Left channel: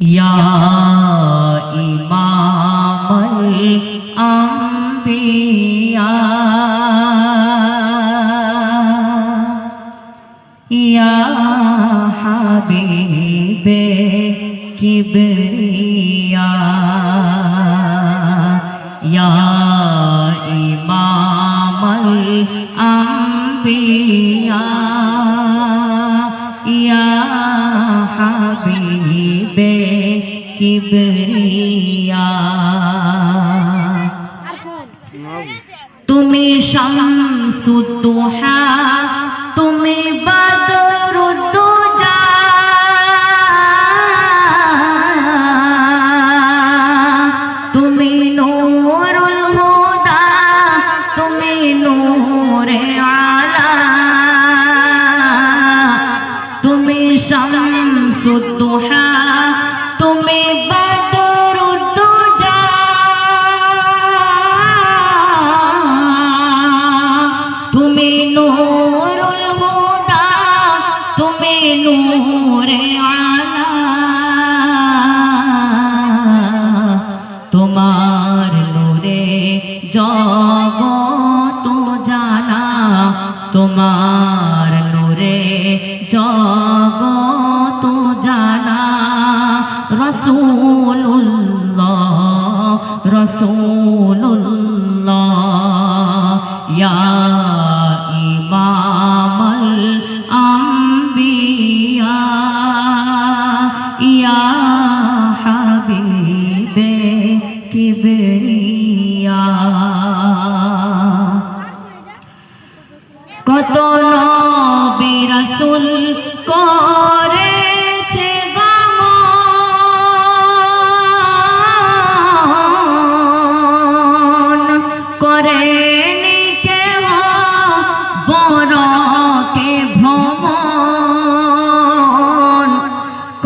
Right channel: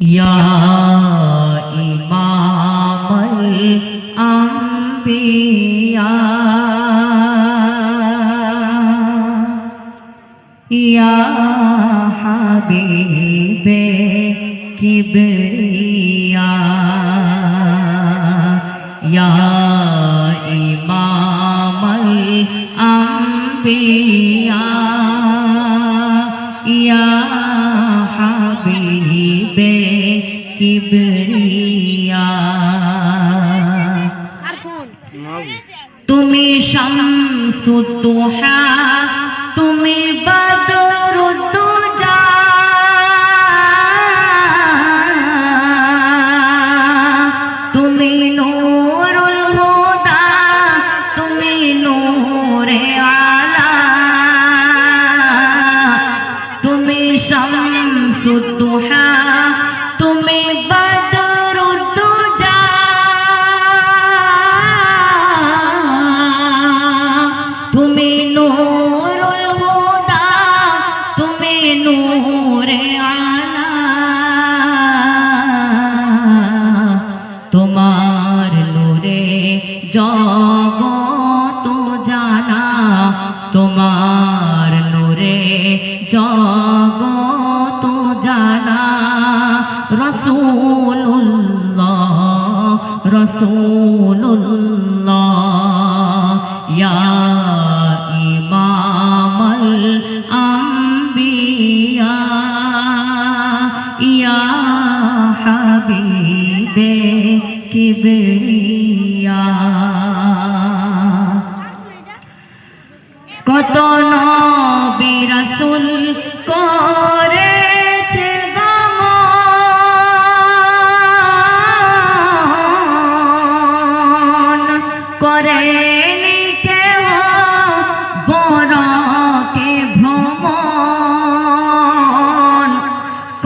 يا إمام الأنبياء يا حبيب كبرياء কিবরিয়া তুমি শামসু দুহা তুমি বদরুদ্দুজা। তুমি নূরুল হুদা তুমি নূরে আলা। তুমি শামসু দুহা তুমি বদরুদ্দোজা তুমি নূরুল হুদা, তুমি নূরে আলা। তোমার নূরে জগত জানা, তোমার নূরে জগত রসুল্লাহ রসুল্লাহ ইয়া ইমামাল আম্বিয়া ইয়া হাবিবে কিবরিয়া।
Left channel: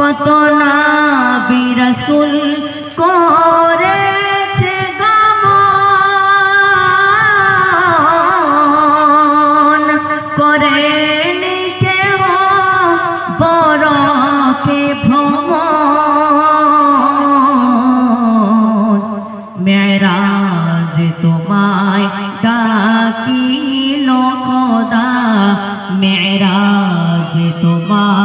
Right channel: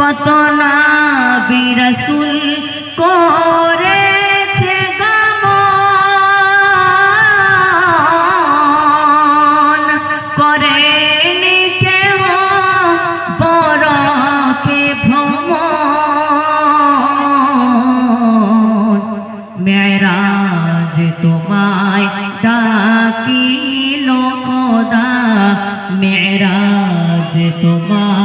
কত নবী রাসূল করেছে গমন। করেনি কেহ বড়কে ভ্রমণ। মেরাজ তোমায় ডাকিল খোদা। মেরাজ তোমায়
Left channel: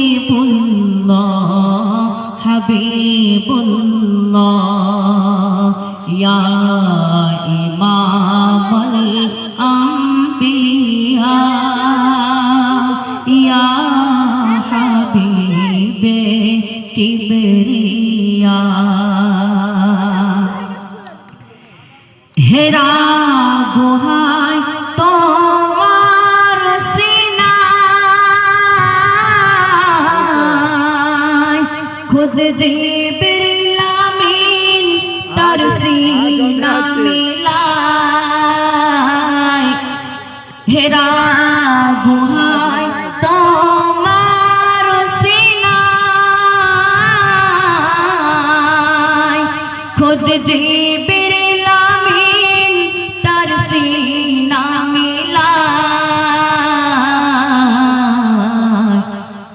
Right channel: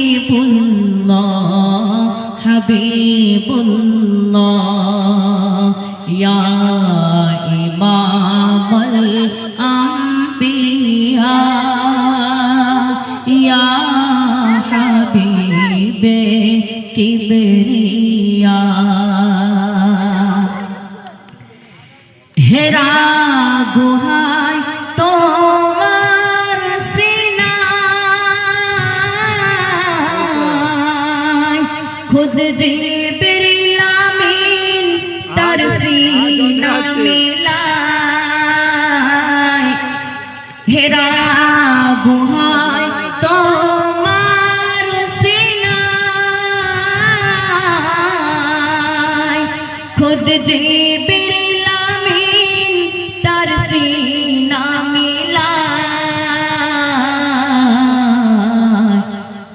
হাবিবুল্লাহ হাবিবুল্লাহ ইয়া ইমামুল আম্বিয়া ইয়া হাবিবে কিবরিয়া। খুদ জিবরিল আমিন তার সিনা মিলায়। হেরা গুহায় তোমার সিনায়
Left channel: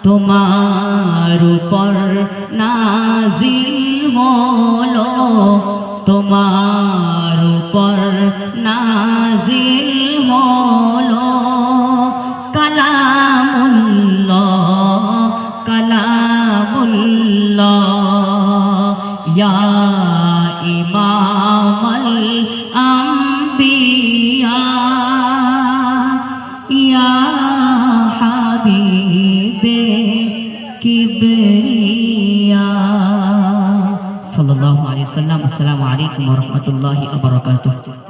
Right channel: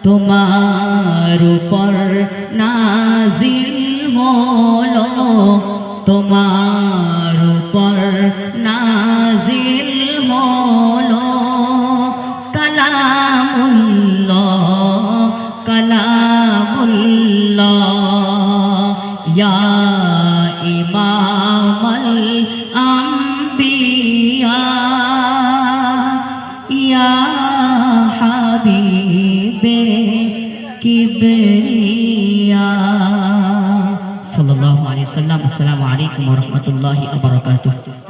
তোমার উপর নাজিল হলো তোমার উপর নাজিল হলো। কালামুল্লাহ কালামুল্লাহ ইয়া ইমামাল আম্বিয়া। وسلم. السلام عليكم ورحمة الله وبركاته.